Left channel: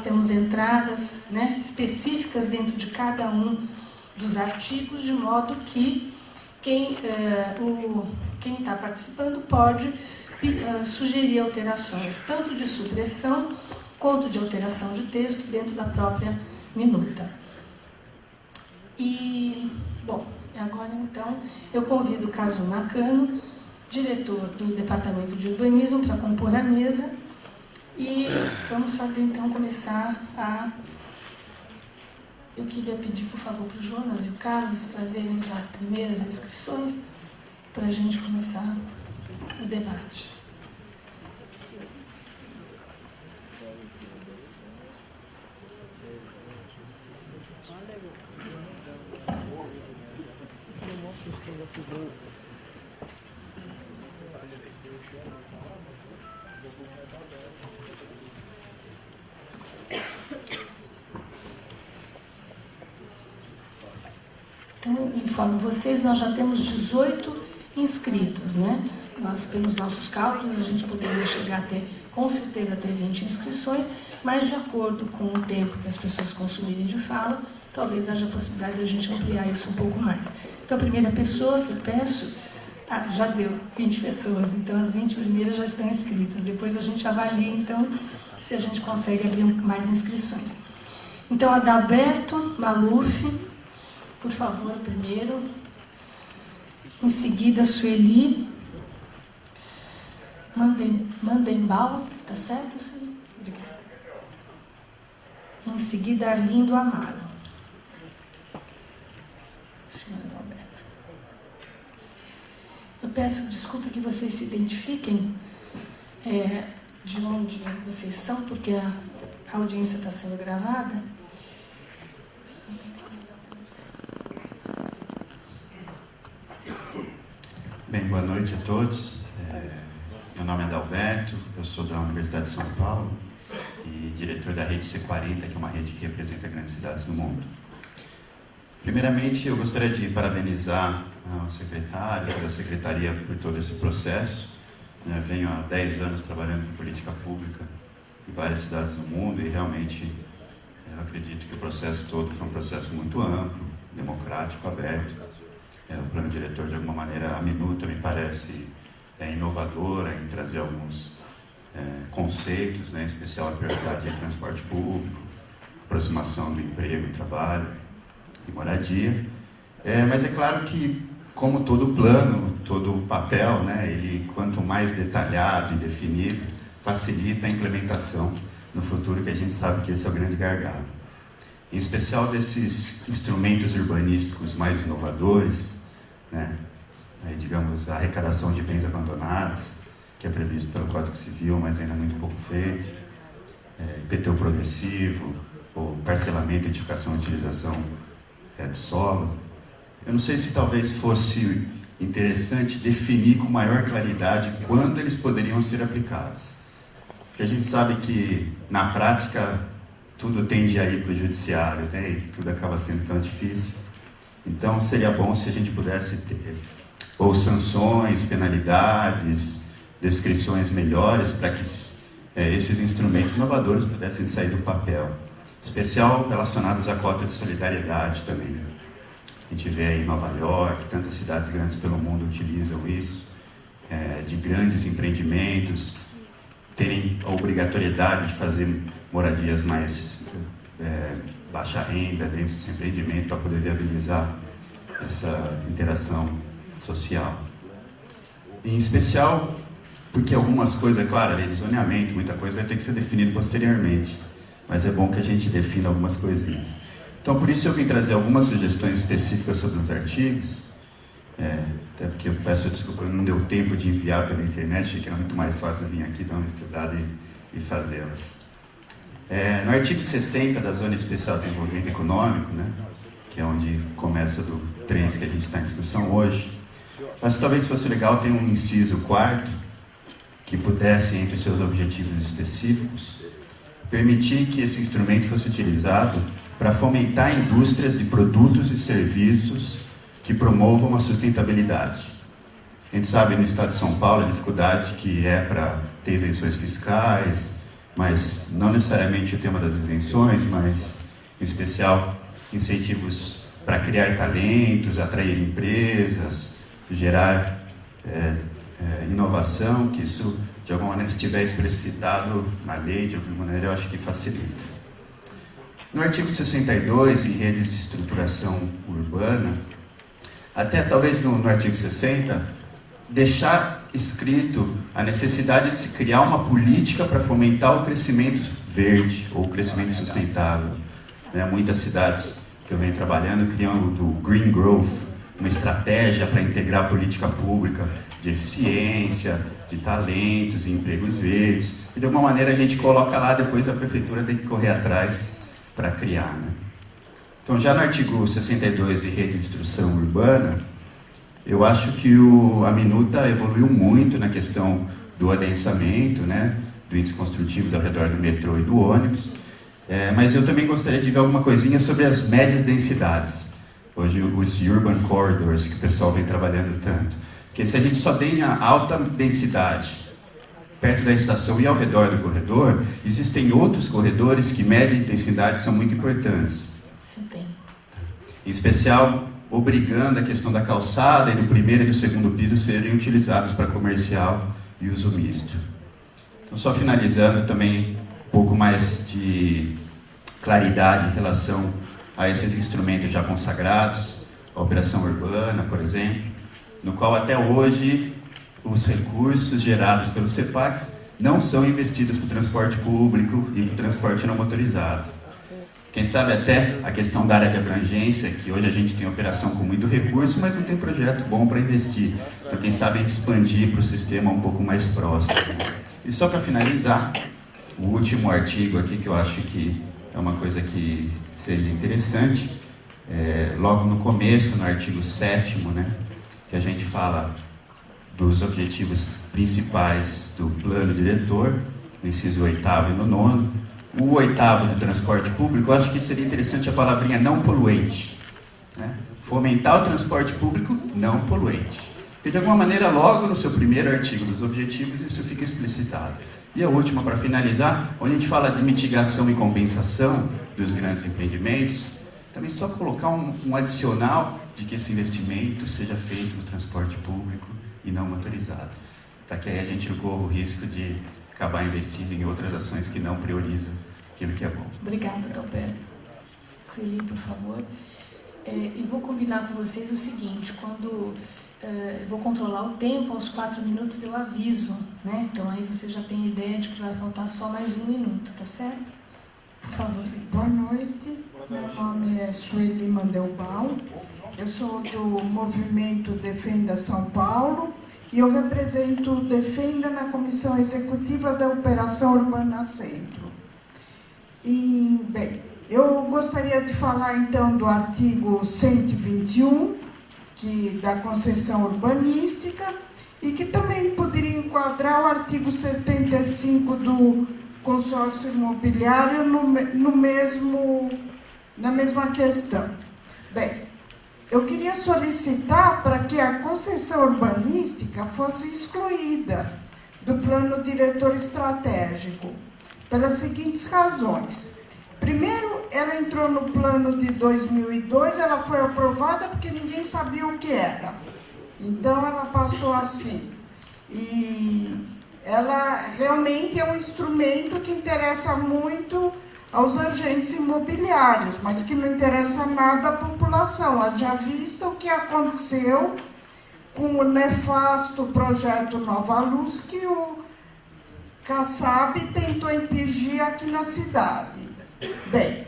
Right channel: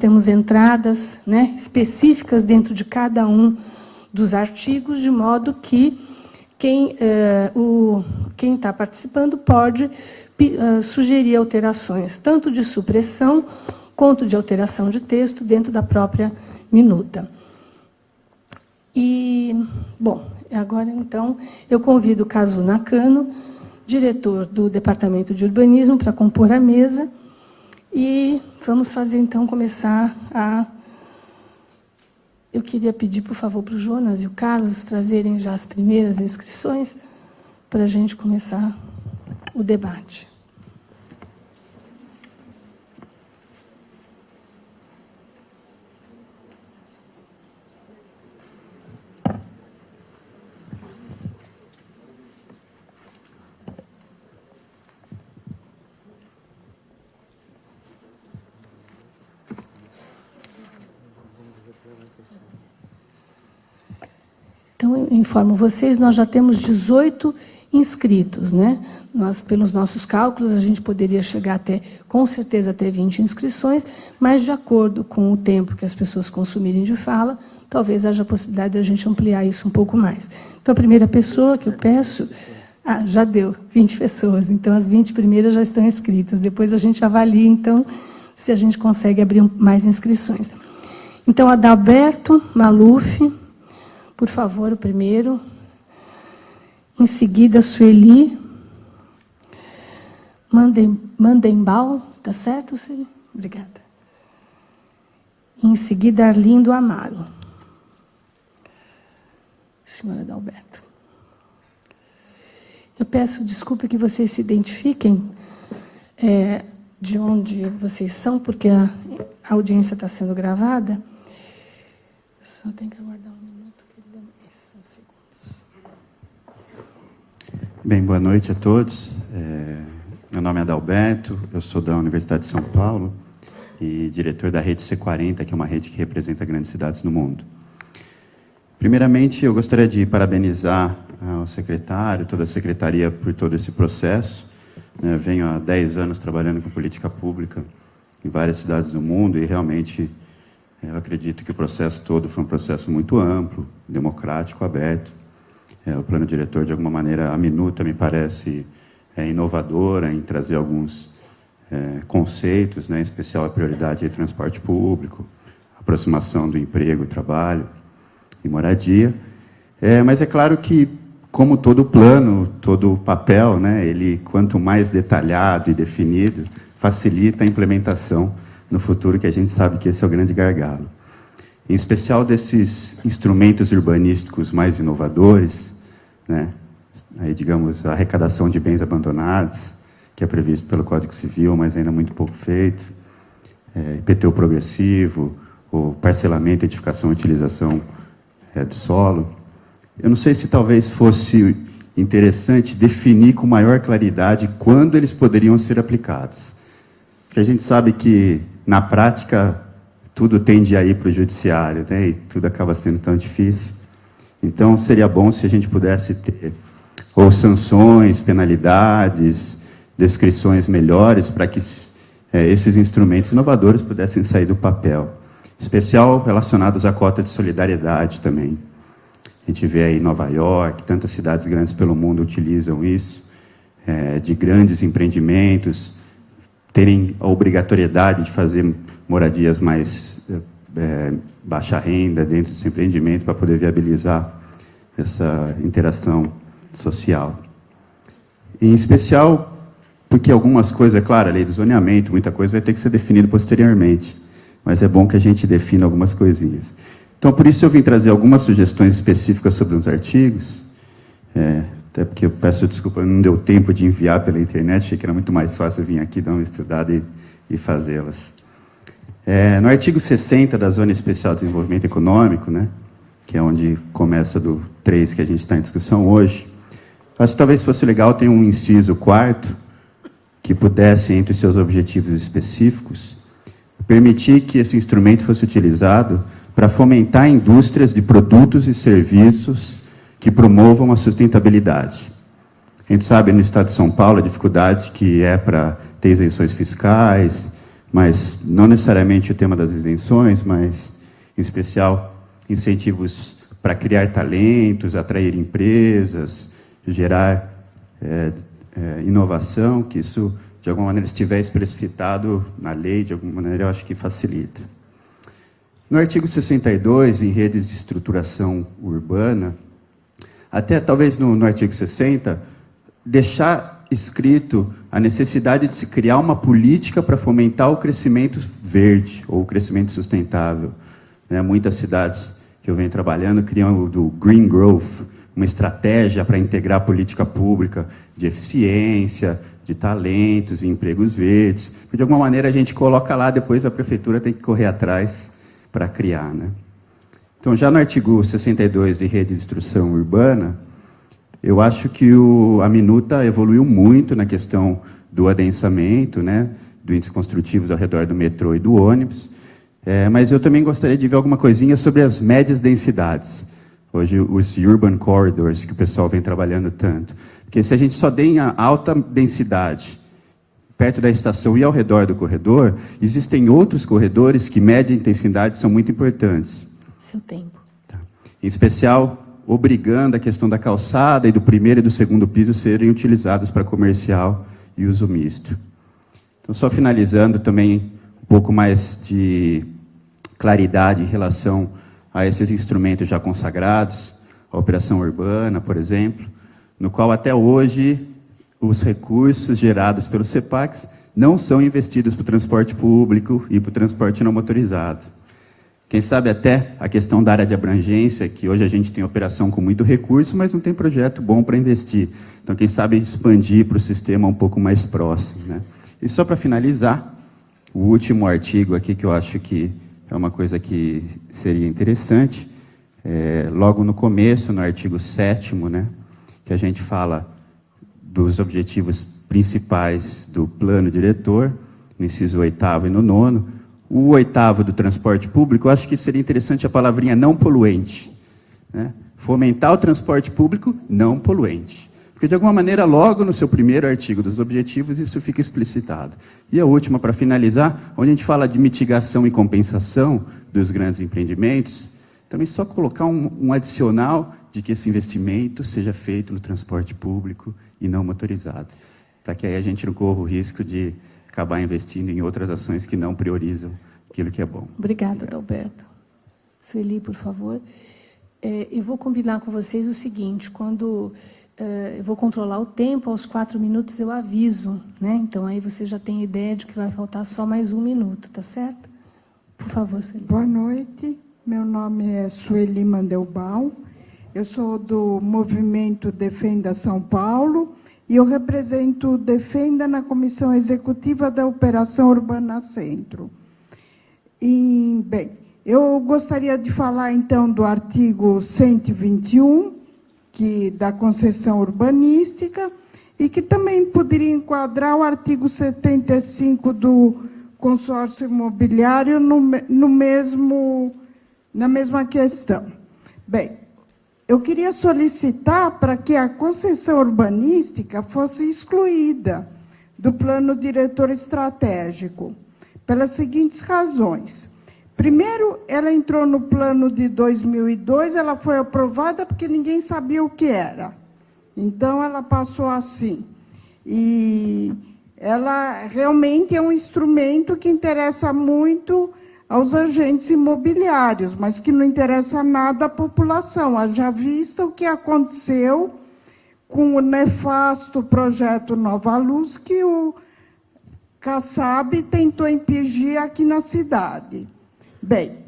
temos entradas, né, específicas dentro de cada um dos artigos, de modo que quem está participando pode sugerir alterações, tanto de supressão quanto de alteração de texto dentro da própria minuta. E, bom, agora então eu convido o Kazu Nakano, diretor do Departamento de Urbanismo, para compor a mesa, e vamos fazer então começar a... Eu queria pedir, por favor, para o Jonas e o Carlos trazerem já as primeiras inscrições para a gente começar o debate. Então, informo vocês, nós já temos 18 inscritos, né? Nós, pelos nossos cálculos, a gente poderia chegar até, com certeza, até 20 inscrições, mas, de acordo com o tempo que as pessoas consumirem de fala, talvez haja a possibilidade de a gente ampliar isso um pouco mais. Então, a primeira pessoa que eu peço... já deu 20 pessoas, então as 20 primeiras já estão inscritas. Depois a gente avalia, então, se a gente consegue abrir mais inscrições. Então, Adalberto Maluf, por favor, o primeiro. Em seguida, Sueli Mandembal, tá certo, Sueli? Obrigada. Em seguida, Arlindo Amaro. Senhora Adalberto. Eu peço desculpa que vocês se identifiquem de onde vocês são, porque a audiência está sendo gravada. Só tem que... Bem, boa noite a todos. Meu nome é Adalberto, eu sou da Universidade de São Paulo e diretor da rede C40, que é uma rede que representa grandes cidades no mundo. Primeiramente, eu gostaria de parabenizar o secretário, toda a secretaria por todo esse processo. Venho há 10 anos trabalhando com política pública em várias cidades do mundo e realmente eu acredito que o processo todo foi um processo muito amplo, democrático, aberto. O plano diretor, de alguma maneira, a minuta me parece inovadora em trazer alguns conceitos, né, em especial a prioridade de transporte público, aproximação do emprego e trabalho e moradia. Mas é claro que, como todo plano, todo papel, né, ele, quanto mais detalhado e definido, facilita a implementação no futuro, que a gente sabe que esse é o grande gargalo. Em especial desses instrumentos urbanísticos mais inovadores, né, aí, digamos, a arrecadação de bens abandonados, que é previsto pelo Código Civil, mas ainda muito pouco feito, IPTU progressivo, o parcelamento, edificação e utilização do solo. Eu não sei se talvez fosse interessante definir com maior claridade quando eles poderiam ser aplicados. Porque a gente sabe que, na prática, tudo tende a ir para o judiciário, né, e tudo acaba sendo tão difícil. Então, seria bom se a gente pudesse ter ou sanções, penalidades, descrições melhores para que esses instrumentos inovadores pudessem sair do papel. Em especial relacionados à cota de solidariedade também. A gente vê aí Nova York, tantas cidades grandes pelo mundo utilizam isso, de grandes empreendimentos, terem a obrigatoriedade de fazer moradias mais baixa renda dentro desse empreendimento para poder viabilizar essa interação social. E, em especial porque algumas coisas, é claro, a lei do zoneamento, muita coisa vai ter que ser definida posteriormente, mas é bom que a gente defina algumas coisinhas. Então, por isso eu vim trazer algumas sugestões específicas sobre os artigos, até porque eu peço desculpa, não deu tempo de enviar pela internet, achei que era muito mais fácil vir aqui dar uma estudada e fazê-las. No artigo 60 da Zona Especial de Desenvolvimento Econômico, né, que é onde começa do 3 que a gente está em discussão hoje, acho que talvez fosse legal ter um inciso 4 que pudesse, entre seus objetivos específicos, permitir que esse instrumento fosse utilizado para fomentar indústrias de produtos e serviços que promovam a sustentabilidade. A gente sabe no estado de São Paulo a dificuldade que é para ter isenções fiscais, mas não necessariamente o tema das isenções, mas, em especial, incentivos para criar talentos, atrair empresas, gerar inovação, que isso, de alguma maneira, estiver explicitado na lei, de alguma maneira, eu acho que facilita. No artigo 62, em redes de estruturação urbana, até talvez no artigo 60, deixar escrito a necessidade de se criar uma política para fomentar o crescimento verde ou o crescimento sustentável. Muitas cidades que eu venho trabalhando criam o do Green Growth, uma estratégia para integrar a política pública de eficiência, de talentos e empregos verdes. De alguma maneira a gente coloca lá, depois a prefeitura tem que correr atrás para criar. Então, já no artigo 62 de Rede de Instrução Urbana, eu acho que a minuta evoluiu muito na questão do adensamento, do índice construtivos ao redor do metrô e do ônibus, mas eu também gostaria de ver alguma coisinha sobre as médias densidades. Hoje, os urban corridors, que o pessoal vem trabalhando tanto. Porque se a gente só tem a alta densidade perto da estação e ao redor do corredor, existem outros corredores que média intensidade são muito importantes. Sim, tem. Em especial, obrigando a questão da calçada e do primeiro e do segundo piso serem utilizados para comercial e uso misto. Então, só finalizando também um pouco mais de claridade em relação a esses instrumentos já consagrados, a operação urbana, por exemplo, no qual até hoje os recursos gerados pelos CEPACs não são investidos para o transporte público e para o transporte não motorizado. Quem sabe até a questão da área de abrangência, que hoje a gente tem operação com muito recurso, mas não tem projeto bom para investir. Então, quem sabe expandir para o sistema um pouco mais próximo. E só para finalizar, o último artigo aqui, que eu acho que é uma coisa que seria interessante, logo no começo, no artigo 7º, que a gente fala dos objetivos principais do plano diretor, no inciso 8º e no 9º. O 8º do transporte público, eu acho que seria interessante a palavrinha não poluente. Fomentar o transporte público não poluente. Porque, de alguma maneira, logo no seu primeiro artigo dos objetivos, isso fica explicitado. E a última, para finalizar, onde a gente fala de mitigação e compensação dos grandes empreendimentos, também só colocar um adicional de que esse investimento seja feito no transporte público e não motorizado, para que aí a gente não corra o risco de acabar investindo em outras ações que não priorizam aquilo que é bom. Obrigada, Adalberto. Sueli, por favor. E vou combinar com vocês o seguinte, quando eu vou controlar o tempo, aos 4 minutos eu aviso, Então aí você já tem ideia de que vai faltar só mais 1 minuto, tá certo? Por favor, Sueli. Boa noite, meu nome é Sueli Mandelbaum, eu sou do Movimento Defenda São Paulo e eu represento o Defenda na Comissão Executiva da Operação Urbana Centro. E, bem, eu gostaria de falar então do artigo 121, da concessão urbanística, e que também poderia enquadrar o artigo 75 do consórcio imobiliário na mesma questão. Bem, eu queria solicitar para que a concessão urbanística fosse excluída do plano diretor estratégico, pelas seguintes razões. Primeiro, ela entrou no plano de 2002, ela foi aprovada porque ninguém sabia o que era. Então, ela passou assim. E ela realmente é um instrumento que interessa muito aos agentes imobiliários, mas que não interessa nada à população. Haja vista o que aconteceu com o nefasto projeto Nova Luz, que o Kassab tentou impingir aqui na cidade. Bem,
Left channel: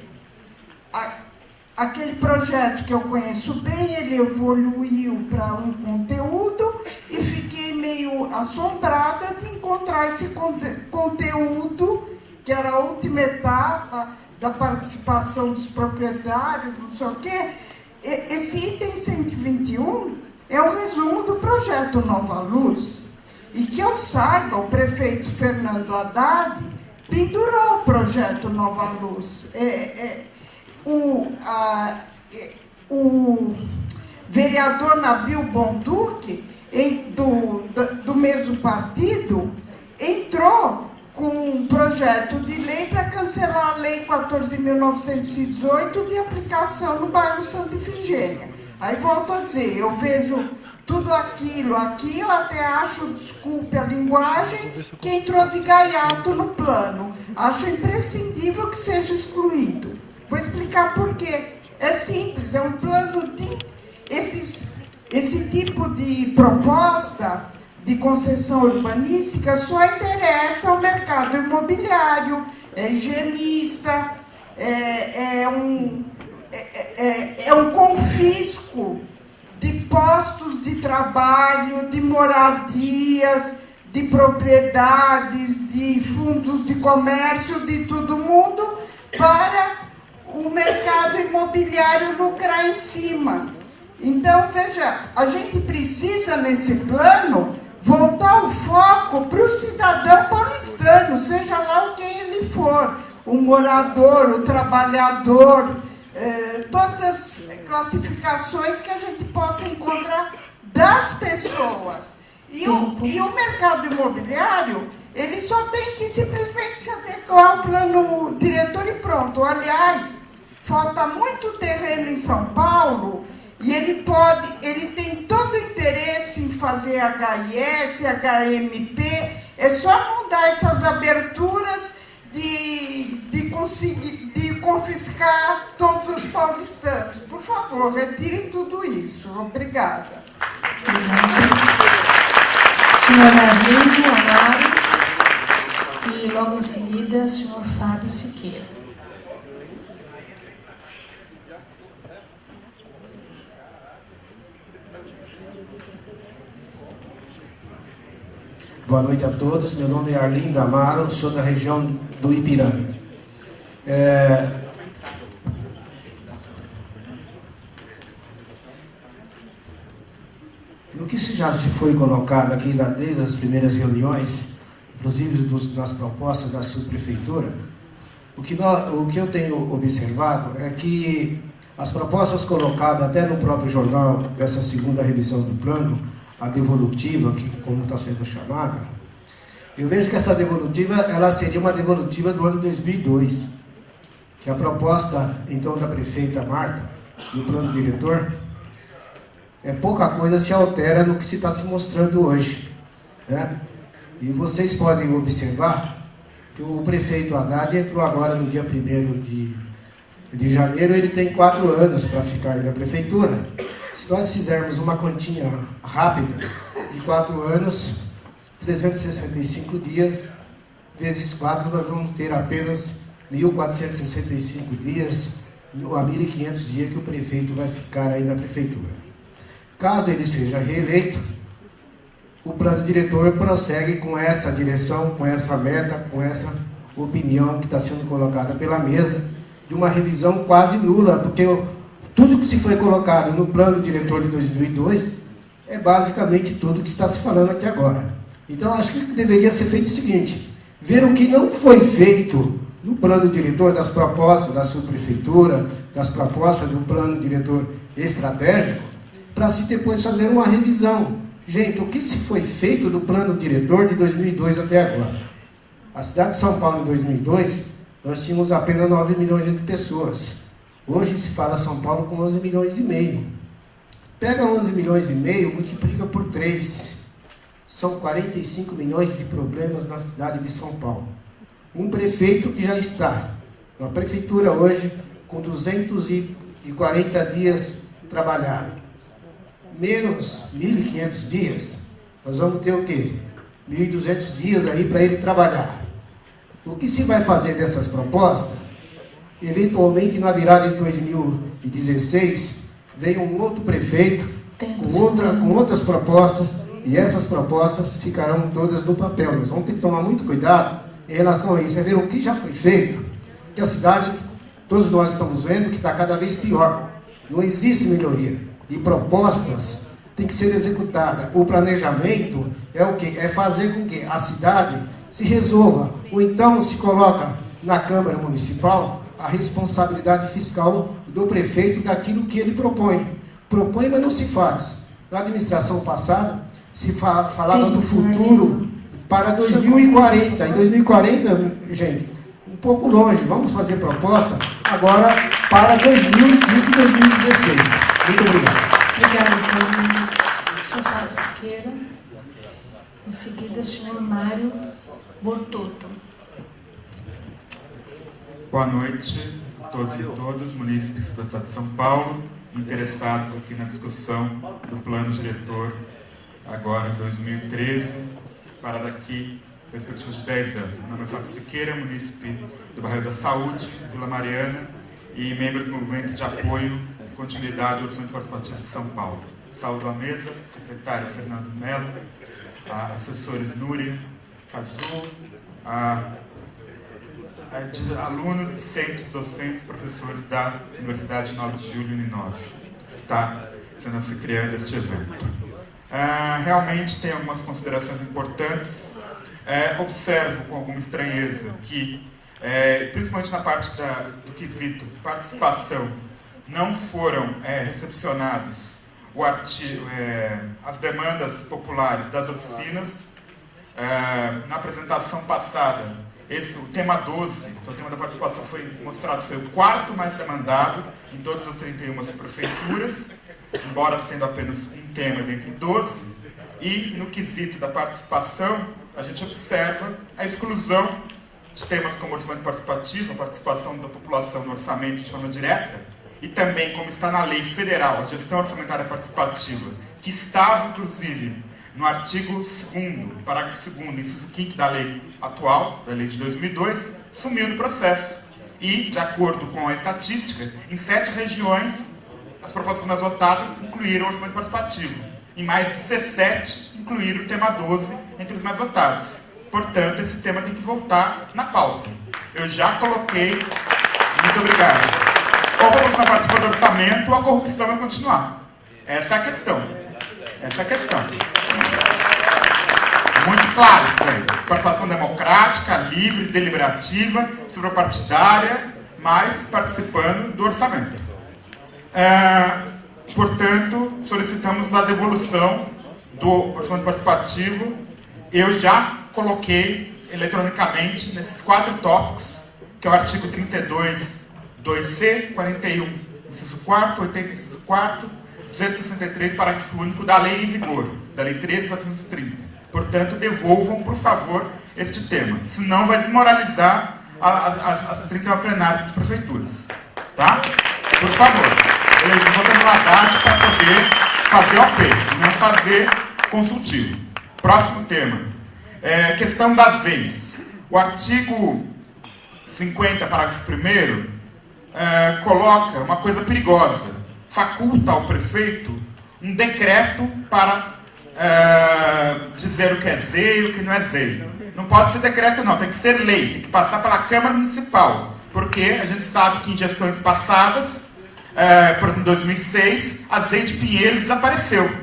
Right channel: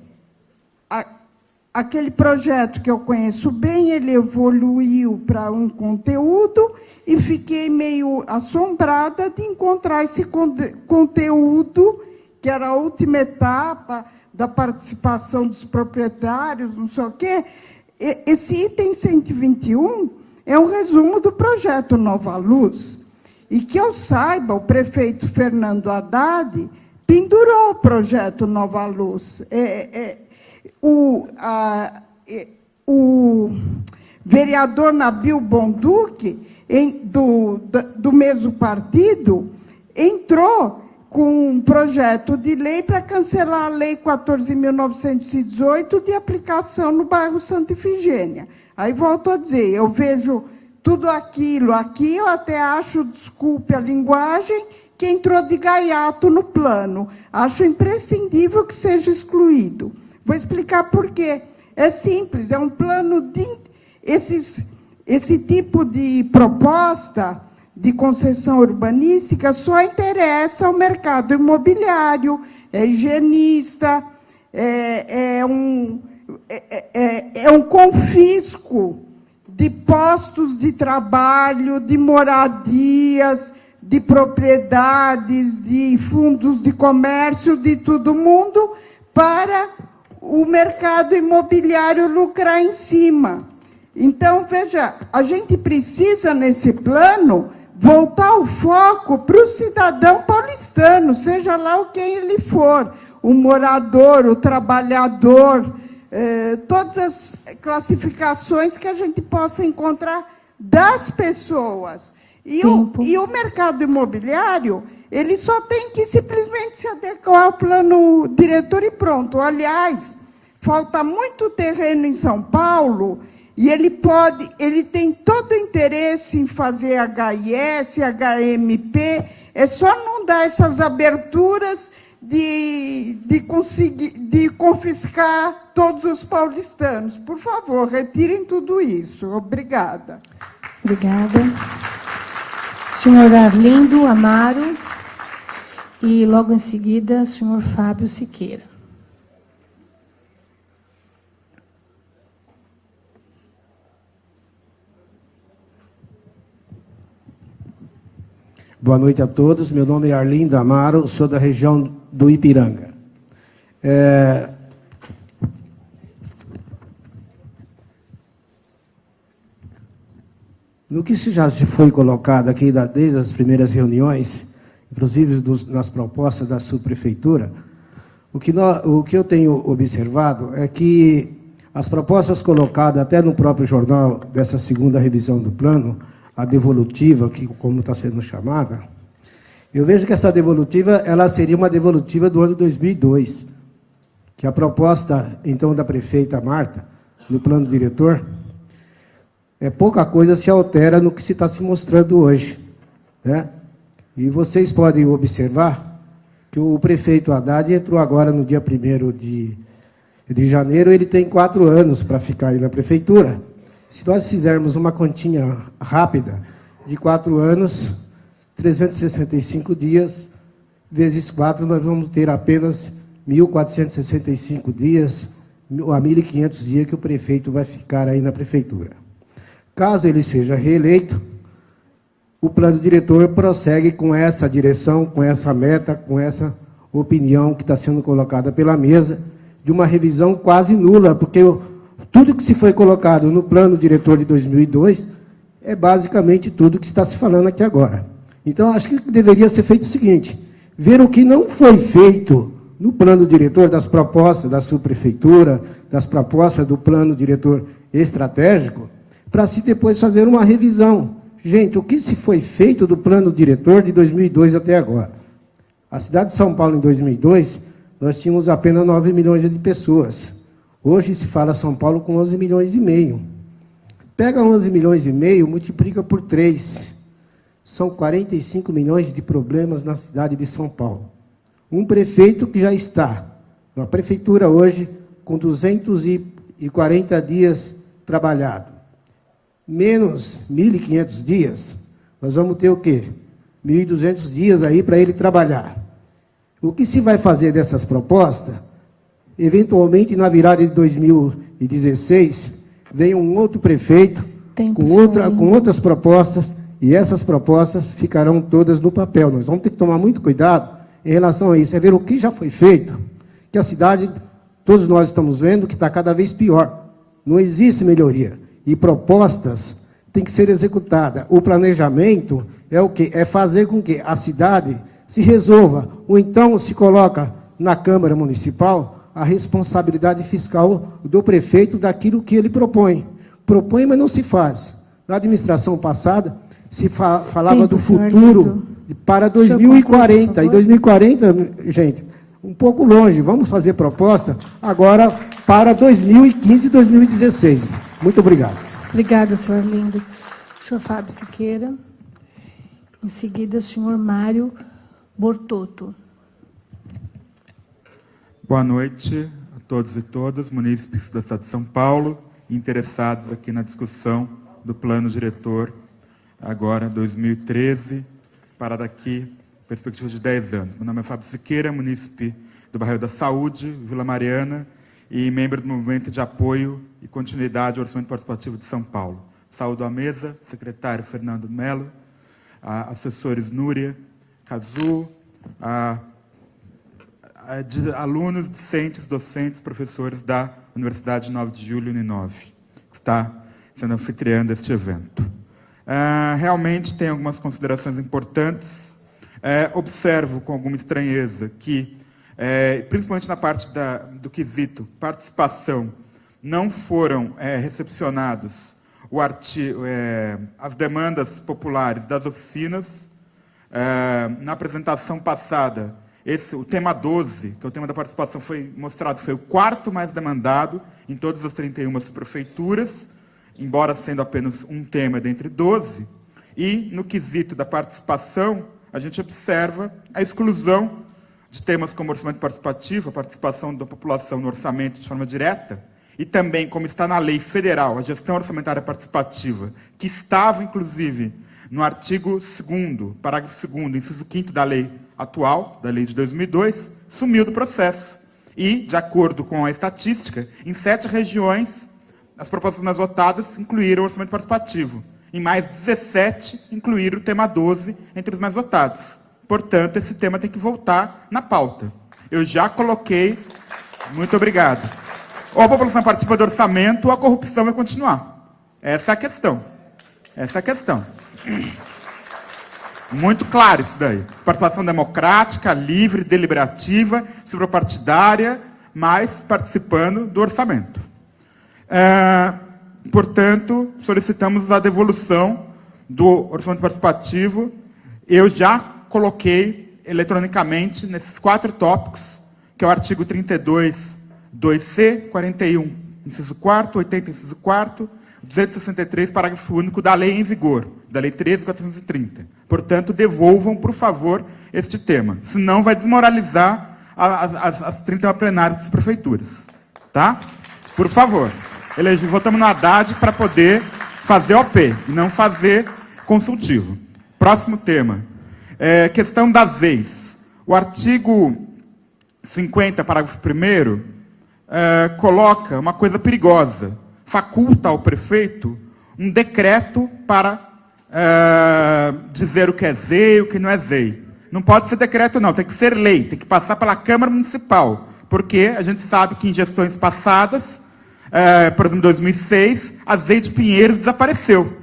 aquele projeto que eu conheço bem, ele evoluiu para um conteúdo e fiquei meio assombrada de encontrar esse conteúdo, que era a última etapa da participação dos proprietários, não sei o quê. Esse item 121 é um resumo do projeto Nova Luz. E que eu saiba, o prefeito Fernando Haddad pendurou o projeto Nova Luz. O vereador Nabil Bonduque, do mesmo partido, entrou com um projeto de lei para cancelar a Lei 14.918 de aplicação no bairro Santa Ifigênia. Aí volto a dizer, eu vejo tudo aquilo aqui, eu até acho, desculpe a linguagem, que entrou de gaiato no plano. Acho imprescindível que seja excluído. Vou explicar por quê. É simples, é um plano de... Esse tipo de proposta de concessão urbanística só interessa ao mercado imobiliário, é higienista, é um confisco de postos de trabalho, de moradias, de propriedades, de fundos de comércio, de todo mundo, para o mercado imobiliário lucrar em cima. Então, veja, a gente precisa, nesse plano, voltar o foco para o cidadão paulistano, seja lá quem ele for, o morador, o trabalhador, todas as classificações que a gente possa encontrar das pessoas. E o mercado imobiliário, ele só tem que simplesmente se adequar ao plano diretor e pronto. Aliás, falta muito terreno em São Paulo e ele tem todo o interesse em fazer HIS, HMP, é só não dar essas aberturas de confiscar todos os paulistanos. Por favor, retirem tudo isso. Obrigada. Obrigada. Senhor Arlindo Amaro e logo em seguida, senhor Fábio Siqueira. Boa noite a todos. Meu nome é Arlindo Amaro, sou da região do Ipiranga. E o que já foi colocado aqui desde as primeiras reuniões, inclusive nas propostas da subprefeitura, o que eu tenho observado é que as propostas colocadas até no próprio jornal dessa segunda revisão do plano, a devolutiva, que como está sendo chamada, eu vejo que essa devolutiva ela seria uma devolutiva do ano 2002, que a proposta, então, da prefeita Marta, no plano diretor, pouca coisa se altera no que se está se mostrando hoje, né? E vocês podem observar que o prefeito Haddad entrou agora no dia 1º de janeiro, ele tem 4 anos para ficar aí na prefeitura. Se nós fizermos uma continha rápida de 4 anos, 365 dias, vezes 4, nós vamos ter apenas 1.465 dias, a 1.500 dias que o prefeito vai ficar aí na prefeitura. Caso ele seja reeleito, o plano diretor prossegue com essa direção, com essa meta, com essa opinião que está sendo colocada pela mesa, de uma revisão quase nula, porque tudo que se foi colocado no plano diretor de 2002 é basicamente tudo que está se falando aqui agora. Então, acho que deveria ser feito o seguinte, ver o que não foi feito no plano diretor das propostas da subprefeitura, das propostas do plano diretor estratégico, para se depois fazer uma revisão. Gente, o que se foi feito do plano diretor de 2002 até agora? A cidade de São Paulo, em 2002, nós tínhamos apenas 9 milhões de pessoas. Hoje se fala São Paulo com 11 milhões e meio. Pega 11 milhões e meio, multiplica por 3. São 45 milhões de problemas na cidade de São Paulo. Um prefeito que já está na prefeitura hoje com 240 dias trabalhados, menos 1.500 dias, nós vamos ter o quê? 1.200 dias aí para ele trabalhar. O que se vai fazer dessas propostas? Eventualmente, na virada de 2016, vem um outro prefeito com outras propostas, e essas propostas ficarão todas no papel. Nós vamos ter que tomar muito cuidado em relação a isso, é ver o que já foi feito, que a cidade, todos nós estamos vendo, que está cada vez pior. Não existe melhoria. E propostas têm que ser executadas. O planejamento é o quê? É fazer com que a cidade se resolva, ou então se coloca na Câmara Municipal a responsabilidade fiscal do prefeito daquilo que ele propõe. Propõe, mas não se faz. Na administração passada, se falava do futuro para 2040. Em 2040, gente, um pouco longe. Vamos fazer proposta agora para 2015 e 2016. Muito obrigado. Obrigada, senhor Lindo. Senhor Fábio Siqueira. Em seguida, o senhor Mário Bortotto. Boa noite a todos e todas, munícipes da cidade de São Paulo, interessados aqui na discussão do plano diretor, agora em 2013, para daqui, perspectiva de 10 anos. Meu nome é Fábio Siqueira, munícipe do bairro da Saúde, Vila Mariana, e membro do movimento de apoio e continuidade do Orçamento Participativo de São Paulo. Saúdo à mesa, secretário Fernando Melo, assessores Núria, Cazu, alunos, discentes, docentes, professores da Universidade de 9 de Julho, Uninove, que está se criando este evento. Realmente tem algumas considerações importantes. Observo com alguma estranheza que, principalmente na parte do quesito participação, não foram recepcionados as demandas populares das oficinas. Na apresentação passada, o tema 12, que é o tema da participação, foi mostrado, foi o quarto mais demandado em todas as 31 prefeituras, embora sendo apenas um tema dentre 12. E no quesito da participação, a gente observa a exclusão de temas como orçamento participativo, a participação da população no orçamento de forma direta, e também, como está na lei federal, a gestão orçamentária participativa, que estava, inclusive, no artigo 2º, parágrafo 2º, inciso 5º da lei atual, da lei de 2002, sumiu do processo. E, de acordo com a estatística, em 7 regiões, as propostas mais votadas incluíram o orçamento participativo. Em mais 17, incluíram o tema 12 entre os mais votados. Portanto, esse tema tem que voltar na pauta. Eu já coloquei. Muito obrigado. Ou a população participa do orçamento, ou a corrupção vai continuar. Essa é a questão. Essa é a questão. Muito claro isso daí. Participação democrática, livre, deliberativa, suprapartidária, mas participando do orçamento. Portanto, solicitamos a devolução do orçamento participativo. Eu já coloquei eletronicamente nesses 4 tópicos, que é o artigo 32, 2C, 41, inciso 4, 80, inciso 4, 263, parágrafo único da lei em vigor, da lei 13.430. Portanto, devolvam, por favor, este tema. Senão vai desmoralizar as 31 plenárias das prefeituras. Tá? Por favor. Elegi o voto no Haddad para poder fazer OP, e não fazer consultivo. Próximo tema. Questão das ex. O artigo 50, parágrafo 1º, coloca uma coisa perigosa. Faculta ao prefeito um decreto para dizer o que é ZEI e o que não é ZEI. Não pode ser decreto, não. Tem que ser lei. Tem que passar pela Câmara Municipal. Porque a gente sabe que em gestões passadas, por exemplo, em 2006, a ZEI de Pinheiros desapareceu.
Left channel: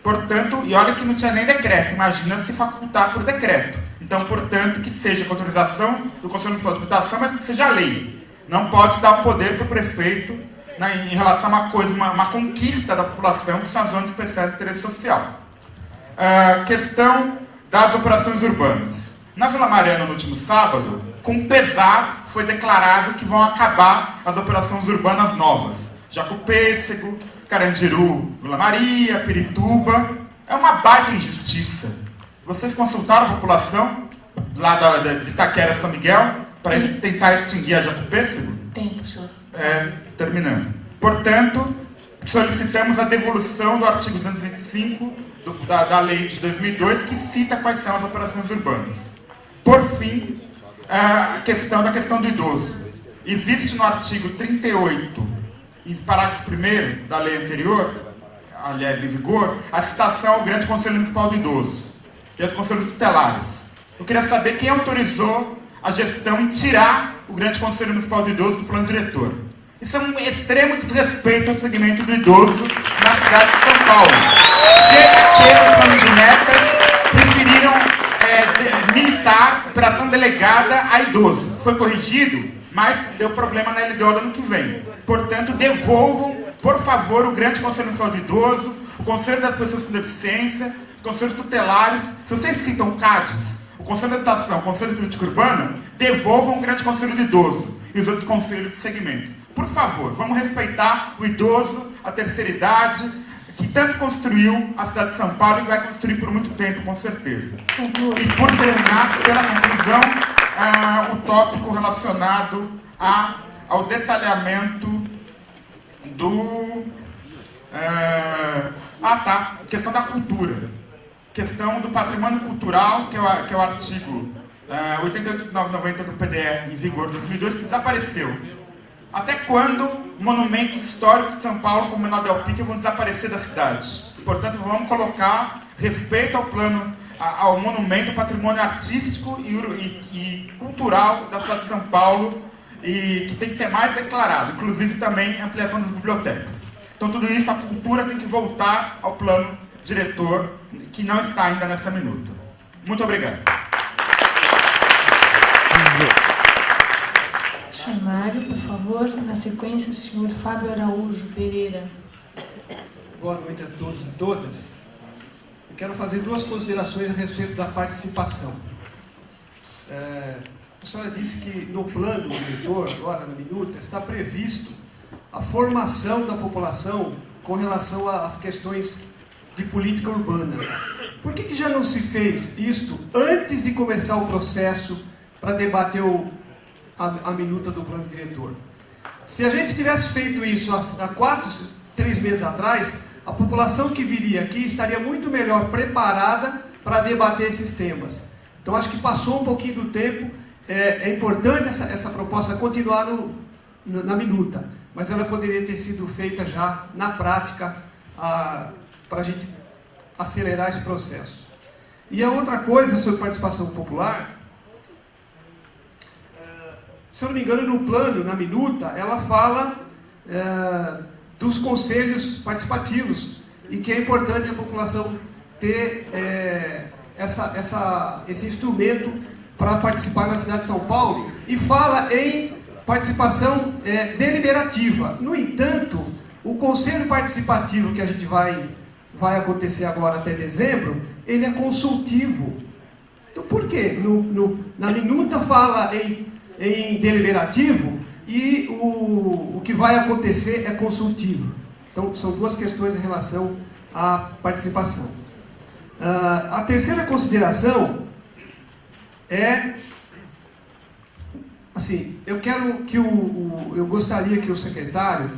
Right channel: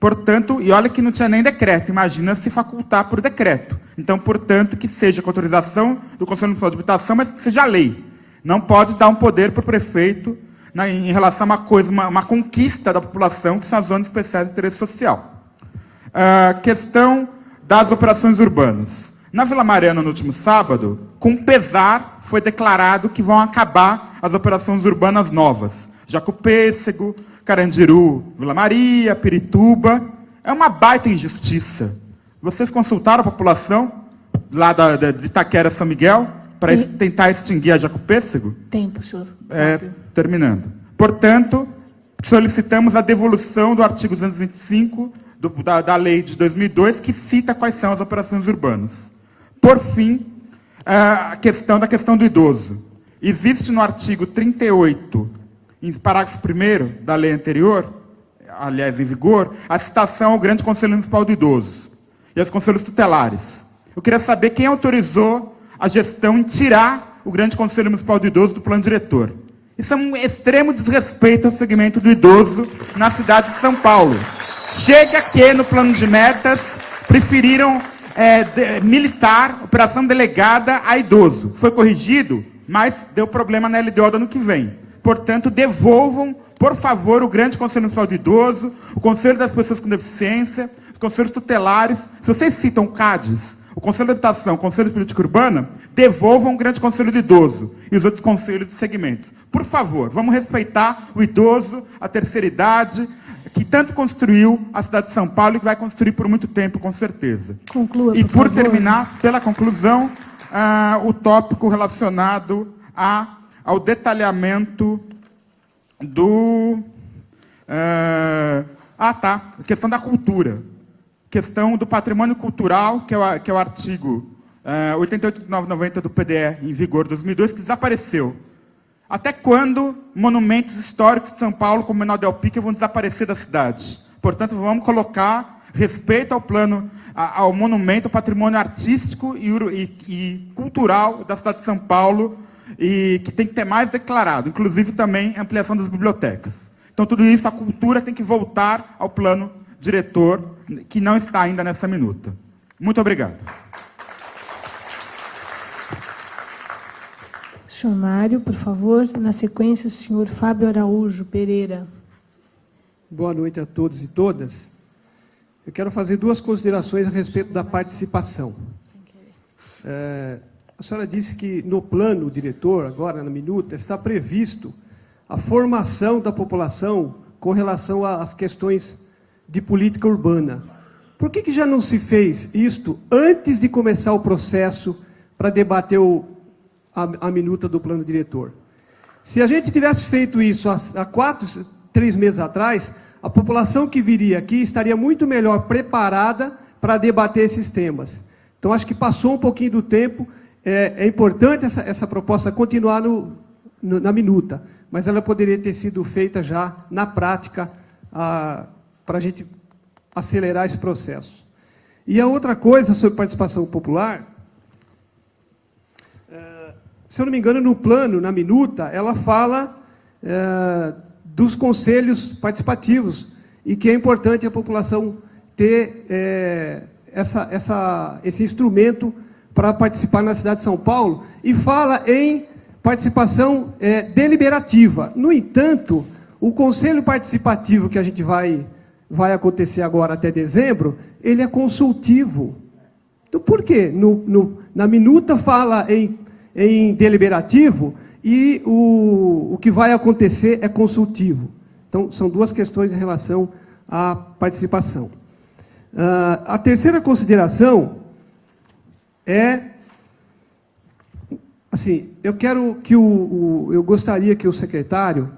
Portanto, e olha que não tinha nem decreto. Imagina se facultar por decreto. Então, portanto, que seja com autorização do Conselho Municipal de Habitação, mas que seja lei. Não pode dar um poder para o prefeito em relação a uma conquista da população, que são as zonas especiais de interesse social. Questão das operações urbanas. Na Vila Mariana, no último sábado, com pesar, foi declarado que vão acabar as operações urbanas novas. Jacopêssego, Carandiru, Vila Maria, Pirituba. É uma baita injustiça. Vocês consultaram a população lá de Itaquera, São Miguel, para tentar extinguir a Jacopêssego? Tem, professor. Terminando. Portanto, solicitamos a devolução do artigo 225 da lei de 2002, que cita quais são as operações urbanas. Por fim, a questão do idoso. Existe no artigo 38, parágrafo 1º da lei anterior, aliás, em vigor, a citação ao Grande Conselho Municipal do Idoso e aos conselhos tutelares. Eu queria saber quem autorizou a gestão em tirar o Grande Conselho Municipal do Idoso do plano diretor. Isso é um extremo desrespeito ao segmento do idoso na cidade de São Paulo. Chega que no plano de metas preferiram militar operação delegada a idoso. Foi corrigido, mas deu problema na LDO do ano que vem. Portanto, devolvam, por favor, o Grande Conselho Municipal do Idoso, o Conselho das Pessoas com Deficiência, conselhos tutelares. Se vocês citam CADES, o Conselho de Habitação, o Conselho de Política Urbana, devolvam o Grande Conselho de Idoso e os outros conselhos de segmentos. Por favor, vamos respeitar o idoso, a terceira idade, que tanto construiu a cidade de São Paulo e vai construir por muito tempo, com certeza. Conclua. E por terminar, pela conclusão, o tópico relacionado ao detalhamento do... a questão da cultura. Questão do patrimônio cultural, que é o artigo 88.990 do PDE, em vigor 2002, que desapareceu. Até quando monumentos históricos de São Paulo, como o Menor Del Pique, vão desaparecer da cidade? Portanto, vamos colocar respeito ao plano, ao monumento, ao patrimônio artístico e cultural da cidade de São Paulo, e que tem que ter mais declarado, inclusive também ampliação das bibliotecas. Então, tudo isso, a cultura tem que voltar ao plano diretor, que não está ainda nessa minuta. Muito obrigado. Senhor Mário, por favor. Na sequência, o senhor Fábio Araújo Pereira. Boa noite a todos e todas. Eu quero fazer duas considerações a respeito da participação. A senhora disse que no plano diretor, agora no minuto, está previsto a formação da população com relação às questões de política urbana. Por que já não se fez isto antes de começar o processo para debater a minuta do plano diretor? Se a gente tivesse feito isso há 3 meses atrás, a população que viria aqui estaria muito melhor preparada para debater esses temas. Então, acho que passou um pouquinho do tempo. É importante essa proposta continuar na minuta, mas ela poderia ter sido feita já na prática para a gente acelerar esse processo. E a outra coisa sobre participação popular, se eu não me engano, no plano, na minuta, ela fala dos conselhos participativos e que é importante a população ter esse instrumento para participar na cidade de São Paulo, e fala em participação deliberativa. No entanto, o conselho participativo que a gente vai acontecer agora até dezembro, ele é consultivo. Então, por quê? Na minuta fala em deliberativo e o que vai acontecer é consultivo. Então, são duas questões em relação à participação. A terceira consideração é, assim, eu gostaria que o secretário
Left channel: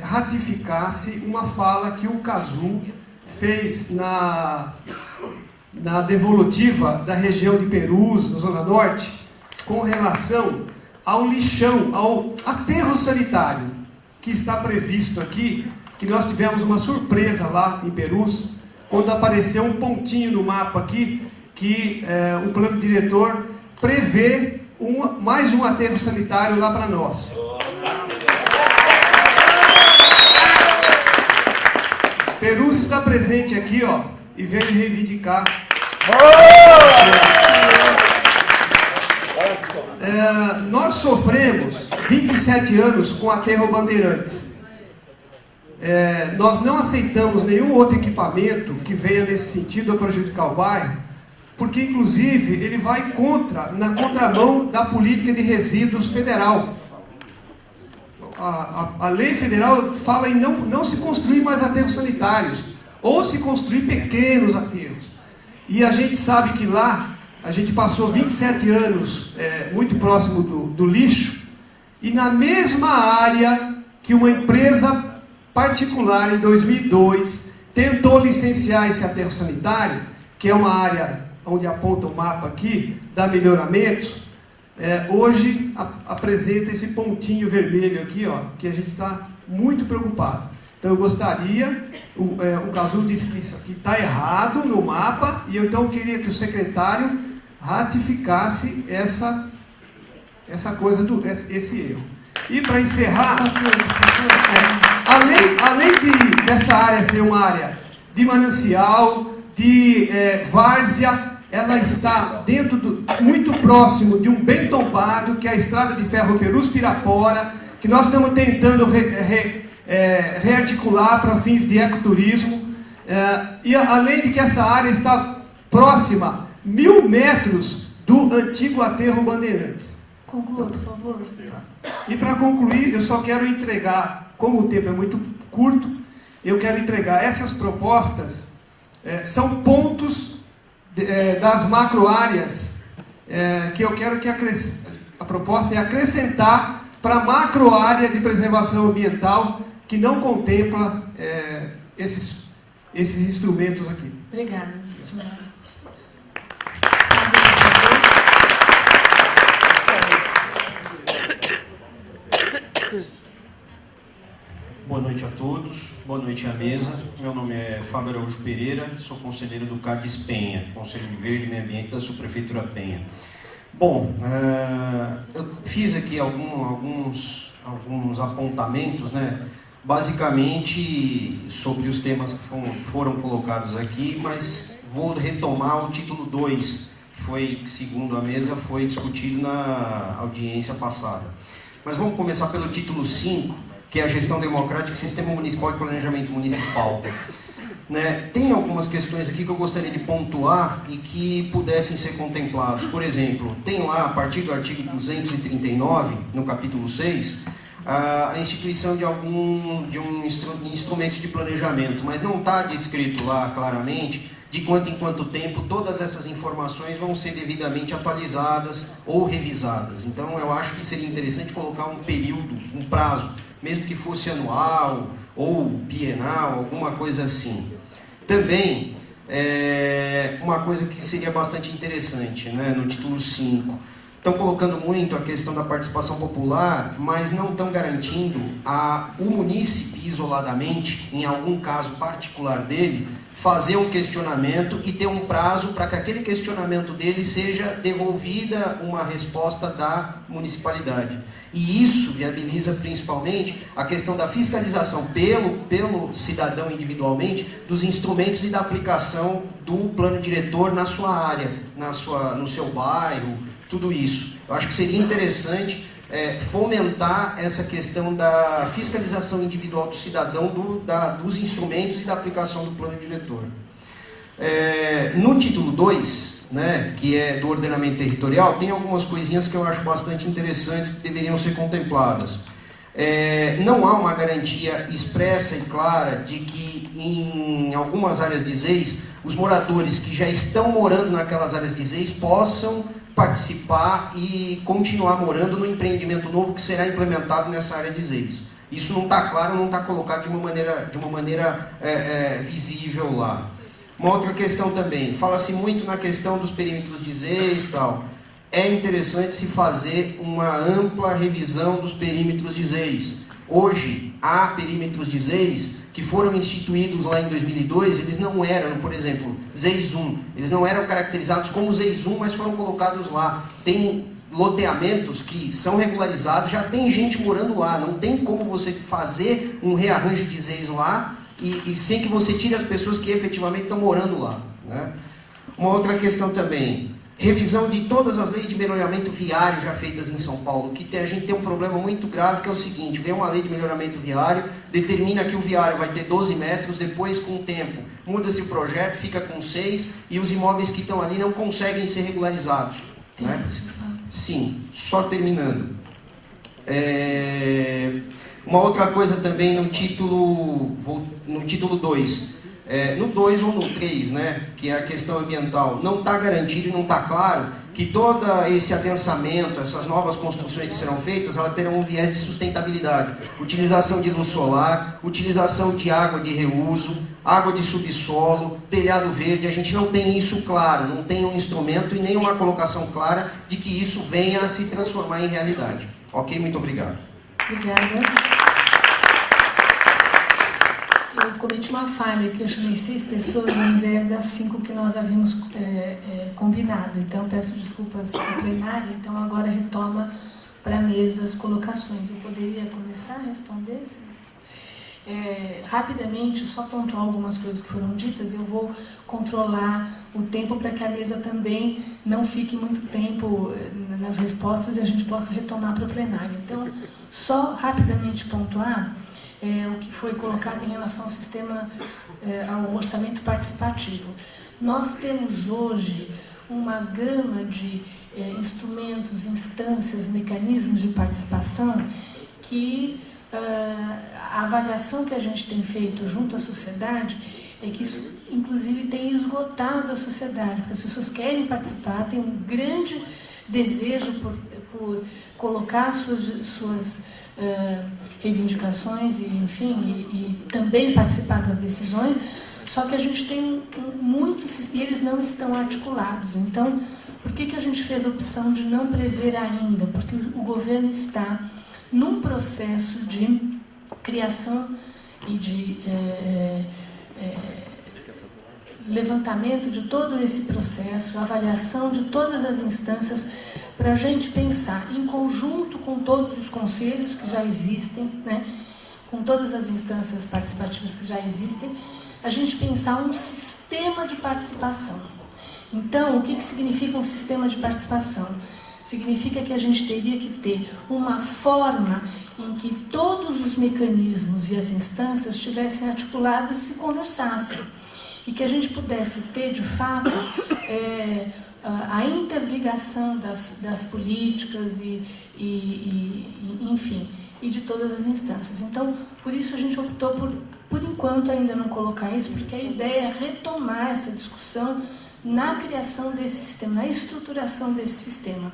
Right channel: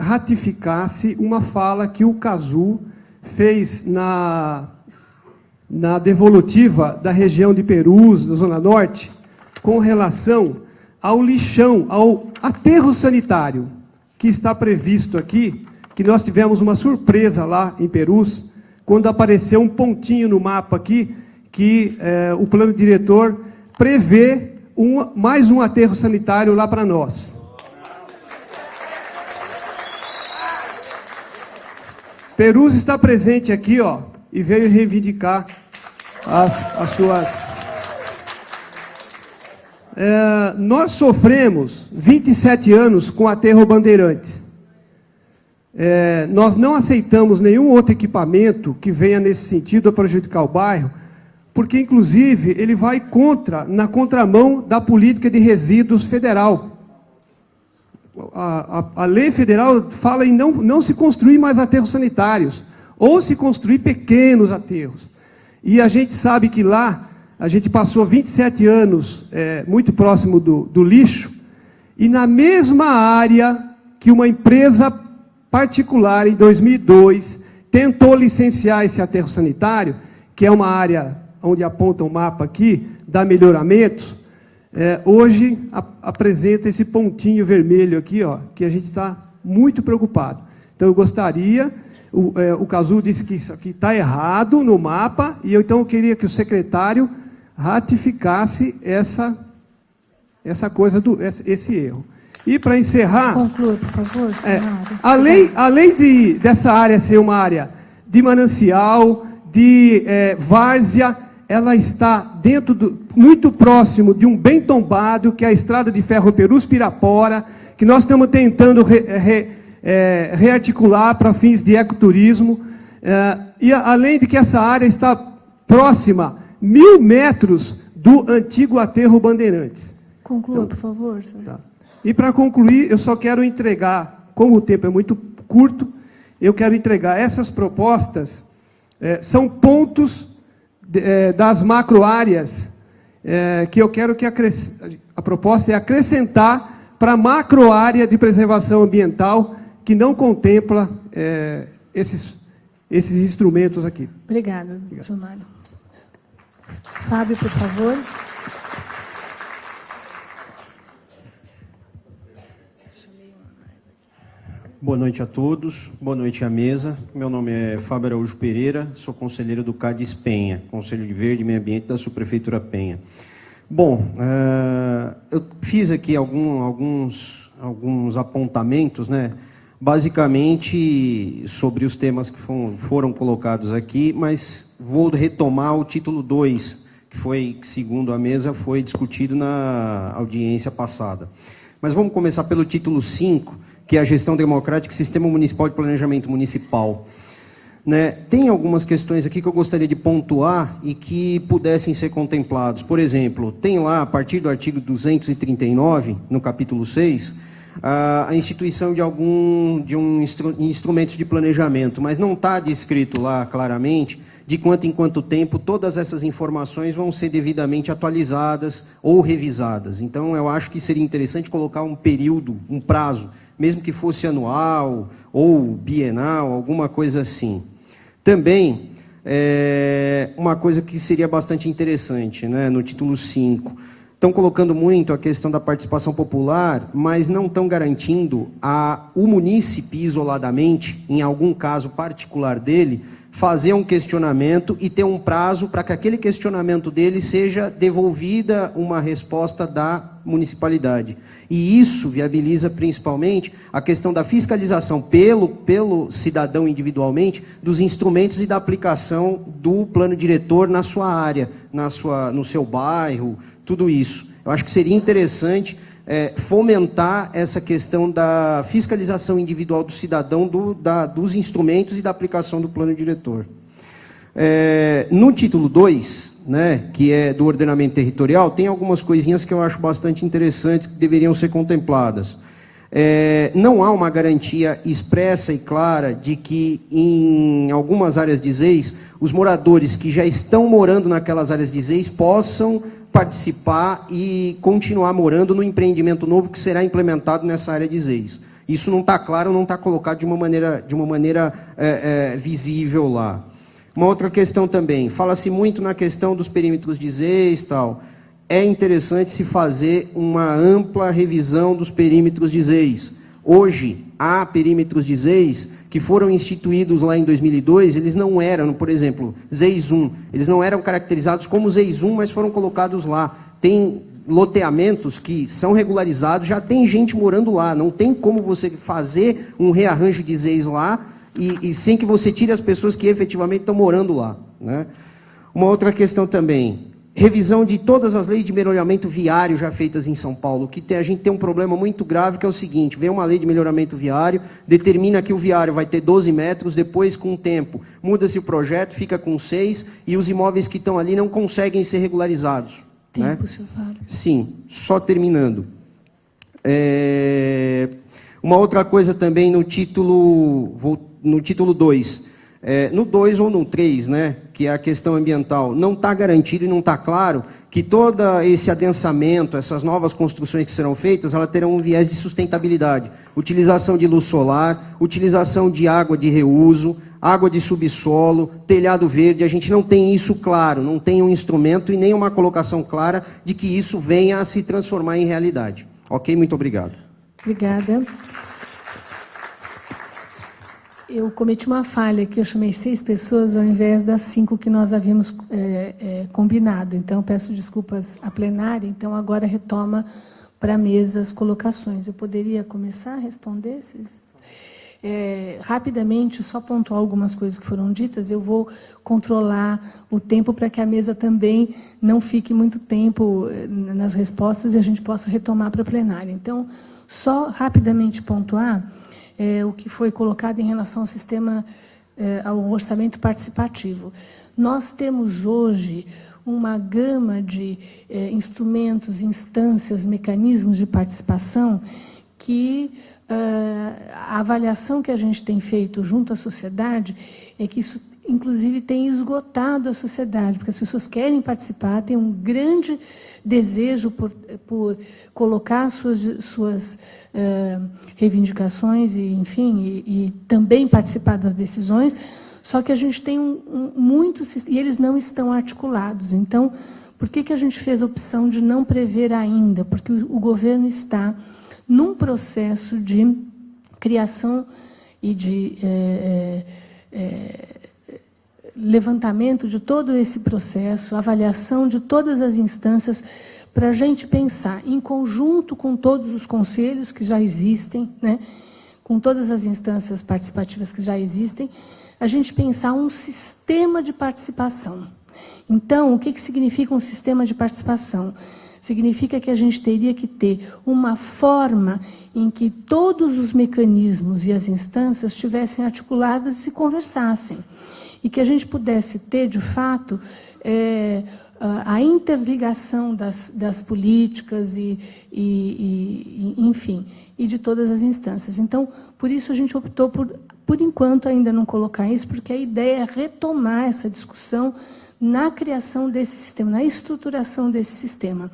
ratificasse uma fala que o Cazu fez na devolutiva da região de Perus, na Zona Norte, com relação ao lixão, ao aterro sanitário, que está previsto aqui, que nós tivemos uma surpresa lá em Perus, quando apareceu um pontinho no mapa aqui, que o plano diretor prevê mais um aterro sanitário lá para nós. Perus está presente aqui, ó, e veio reivindicar nós sofremos 27 anos com aterro Bandeirantes. Nós não aceitamos nenhum outro equipamento que venha nesse sentido a prejudicar o bairro, porque, inclusive, ele vai na contramão da política de resíduos federal. A lei federal fala em não se construir mais aterros sanitários, ou se construir pequenos aterros. E a gente sabe que lá, a gente passou 27 anos muito próximo do lixo, e na mesma área que uma empresa particular, em 2002, tentou licenciar esse aterro sanitário, que é uma área onde aponta o mapa aqui, dá melhoramentos, hoje apresenta esse pontinho vermelho aqui, ó, que a gente está muito preocupado. Então, eu gostaria, o Cazu disse que isso aqui está errado no mapa, e então eu queria que o secretário ratificasse essa coisa, esse erro. E para encerrar, além dessa área ser uma área de manancial, de várzea, ela está muito próximo de um bem tombado, que é a estrada de ferro Perus-Pirapora, que nós estamos tentando rearticular para fins de ecoturismo. E além de que essa área está próxima 1.000 metros do antigo aterro Bandeirantes. Conclua, por favor, senhor. E para concluir, eu só quero entregar, como o tempo é muito curto, eu quero entregar essas propostas, são pontos das macro-áreas que eu quero que a proposta é acrescentar para a macro-área de preservação ambiental que não contempla esses instrumentos aqui. Obrigada. Fábio, por favor. Boa noite a todos, boa noite à mesa. Meu nome é Fábio Araújo Pereira, sou conselheiro do CADES Penha, Conselho de Verde e Meio Ambiente da Subprefeitura Penha. Bom, eu fiz aqui alguns apontamentos, né, basicamente sobre os temas que foram colocados aqui, mas vou retomar o título 2, que segundo a mesa, foi discutido na audiência passada. Mas vamos começar pelo título 5, que é a gestão democrática e sistema municipal de planejamento municipal. Né? Tem algumas questões aqui que eu gostaria de pontuar e que pudessem ser contemplados. Por exemplo, tem lá, a partir do artigo 239, no capítulo 6, a instituição de instrumentos de planejamento, mas não está descrito lá claramente de quanto em quanto tempo todas essas informações vão ser devidamente atualizadas ou revisadas. Então, eu acho que seria interessante colocar um período, um prazo, mesmo que fosse anual ou bienal, alguma coisa assim. Também, uma coisa que seria bastante interessante, né, no título 5, estão colocando muito a questão da participação popular, mas não estão garantindo o munícipe isoladamente, em algum caso particular dele, fazer um questionamento e ter um prazo para que aquele questionamento dele seja devolvida uma resposta da municipalidade. E isso viabiliza principalmente a questão da fiscalização pelo cidadão individualmente dos instrumentos e da aplicação do plano diretor na sua área, no seu bairro, tudo isso. Eu acho que seria interessante fomentar essa questão da fiscalização individual do cidadão dos instrumentos e da aplicação do plano diretor. No título 2, né, que é do ordenamento territorial, tem algumas coisinhas que eu acho bastante interessantes que deveriam ser contempladas. Não há uma garantia expressa e clara de que em algumas áreas de ZEIS, os moradores que já estão morando naquelas áreas de ZEIS possam participar e continuar morando no empreendimento novo que será implementado nessa área de ZEIS. Isso não está claro, não está colocado de uma maneira visível lá. Uma outra questão também, fala-se muito na questão dos perímetros de ZEIS e tal. É interessante se fazer uma ampla revisão dos perímetros de ZEIS. Hoje, há perímetros de ZEIS que foram instituídos lá em 2002, eles não eram, por exemplo, ZEIS 1, eles não eram caracterizados como ZEIS 1, mas foram colocados lá. Tem loteamentos que são regularizados, já tem gente morando lá, não tem como você fazer um rearranjo de ZEIS lá e sem que você tire as pessoas que efetivamente estão morando lá. Né? Uma outra questão também, revisão de todas as leis de melhoramento viário já feitas em São Paulo, que a gente tem um problema muito grave, que é o seguinte, vem uma lei de melhoramento viário, determina que o viário vai ter 12 metros, depois, com o tempo, muda-se o projeto, fica com 6, e os imóveis que estão ali não conseguem ser regularizados. Né? Sim, só terminando. Uma outra coisa também no título 2, no 2 ou no 3, né, que é a questão ambiental, não está garantido e não está claro que todo esse adensamento, essas novas construções que serão feitas, elas terão um viés de sustentabilidade. Utilização de luz solar, utilização de água de reuso, água de subsolo, telhado verde, a gente não tem isso claro, não tem um instrumento e nem uma colocação clara de que isso venha a se transformar em realidade. Ok? Muito obrigado. Obrigada. Eu cometi uma falha, que eu chamei 6 pessoas ao invés das 5 que nós havíamos combinado. Então, peço desculpas ao plenário. Então, agora retoma para a mesa as colocações. Eu poderia começar a responder? Rapidamente, só pontuar algumas coisas que foram ditas. Eu vou controlar o tempo para que a mesa também não fique muito tempo nas respostas e a gente possa retomar para o plenário. Então, só rapidamente pontuar o que foi colocado em relação ao sistema ao orçamento participativo. Nós temos hoje uma gama de instrumentos, instâncias, mecanismos de participação que a avaliação que a gente tem feito junto à sociedade é que isso, inclusive, tem esgotado a sociedade, porque as pessoas querem participar, têm um grande desejo por colocar suas reivindicações e, enfim, e também participar das decisões, só que a gente tem muitos, e eles não estão articulados. Então, por que a gente fez a opção de não prever ainda? Porque o governo está num processo de criação e de levantamento de todo esse processo, avaliação de todas as instâncias, para a gente pensar em conjunto com todos os conselhos que já existem, né, com todas as instâncias participativas que já existem, a gente pensar um sistema de participação. Então, o que significa um sistema de participação? Significa que a gente teria que ter uma forma em que todos os mecanismos e as instâncias estivessem articuladas e se conversassem. E que a gente pudesse ter, de fato, a interligação das políticas enfim, e de todas as instâncias. Então, por isso a gente optou por enquanto, ainda não colocar isso, porque a ideia é retomar essa discussão na criação desse sistema, na estruturação desse sistema.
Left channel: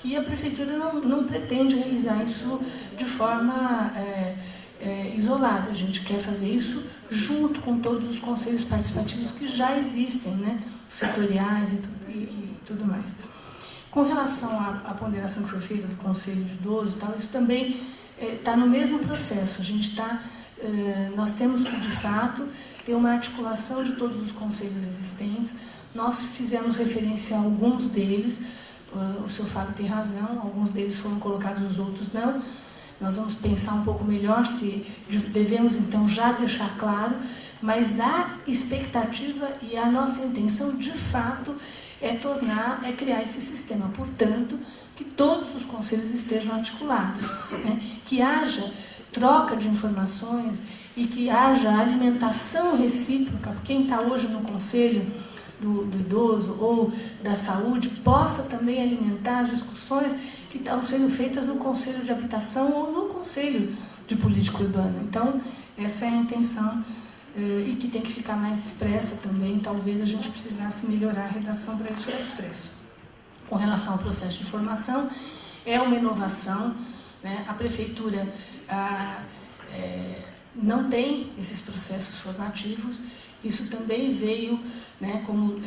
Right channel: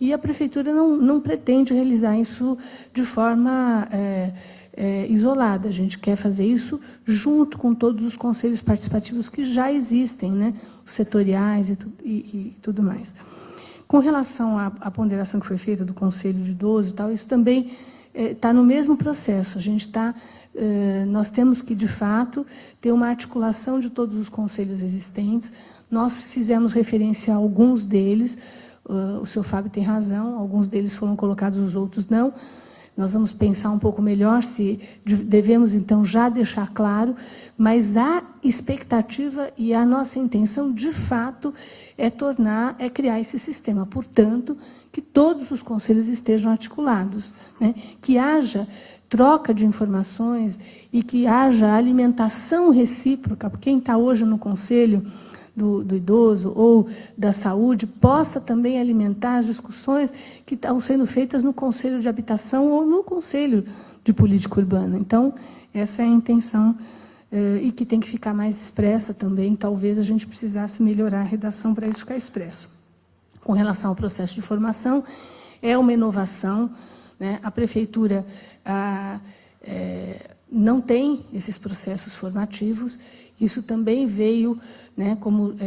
E a Prefeitura não pretende realizar isso de forma isolada. A gente quer fazer isso junto com todos os conselhos participativos que já existem, né? Os setoriais e tudo mais. Com relação à ponderação que foi feita do Conselho de Idosos, tal, isso também está no mesmo processo. A gente nós temos que, de fato, ter uma articulação de todos os conselhos existentes. Nós fizemos referência a alguns deles, o senhor Fábio tem razão, alguns deles foram colocados, os outros não. Nós vamos pensar um pouco melhor se devemos, então, já deixar claro, mas a expectativa e a nossa intenção, de fato, é criar esse sistema. Portanto, que todos os conselhos estejam articulados, né? Que haja troca de informações e que haja alimentação recíproca. Quem está hoje no conselho do idoso ou da saúde possa também alimentar as discussões que estão sendo feitas no Conselho de Habitação ou no Conselho de Política Urbana. Então, essa é a intenção e que tem que ficar mais expressa também. Talvez a gente precisasse melhorar a redação para isso ficar expresso. Com relação ao processo de formação, é uma inovação, né? A Prefeitura não tem esses processos formativos. Isso também veio, né, como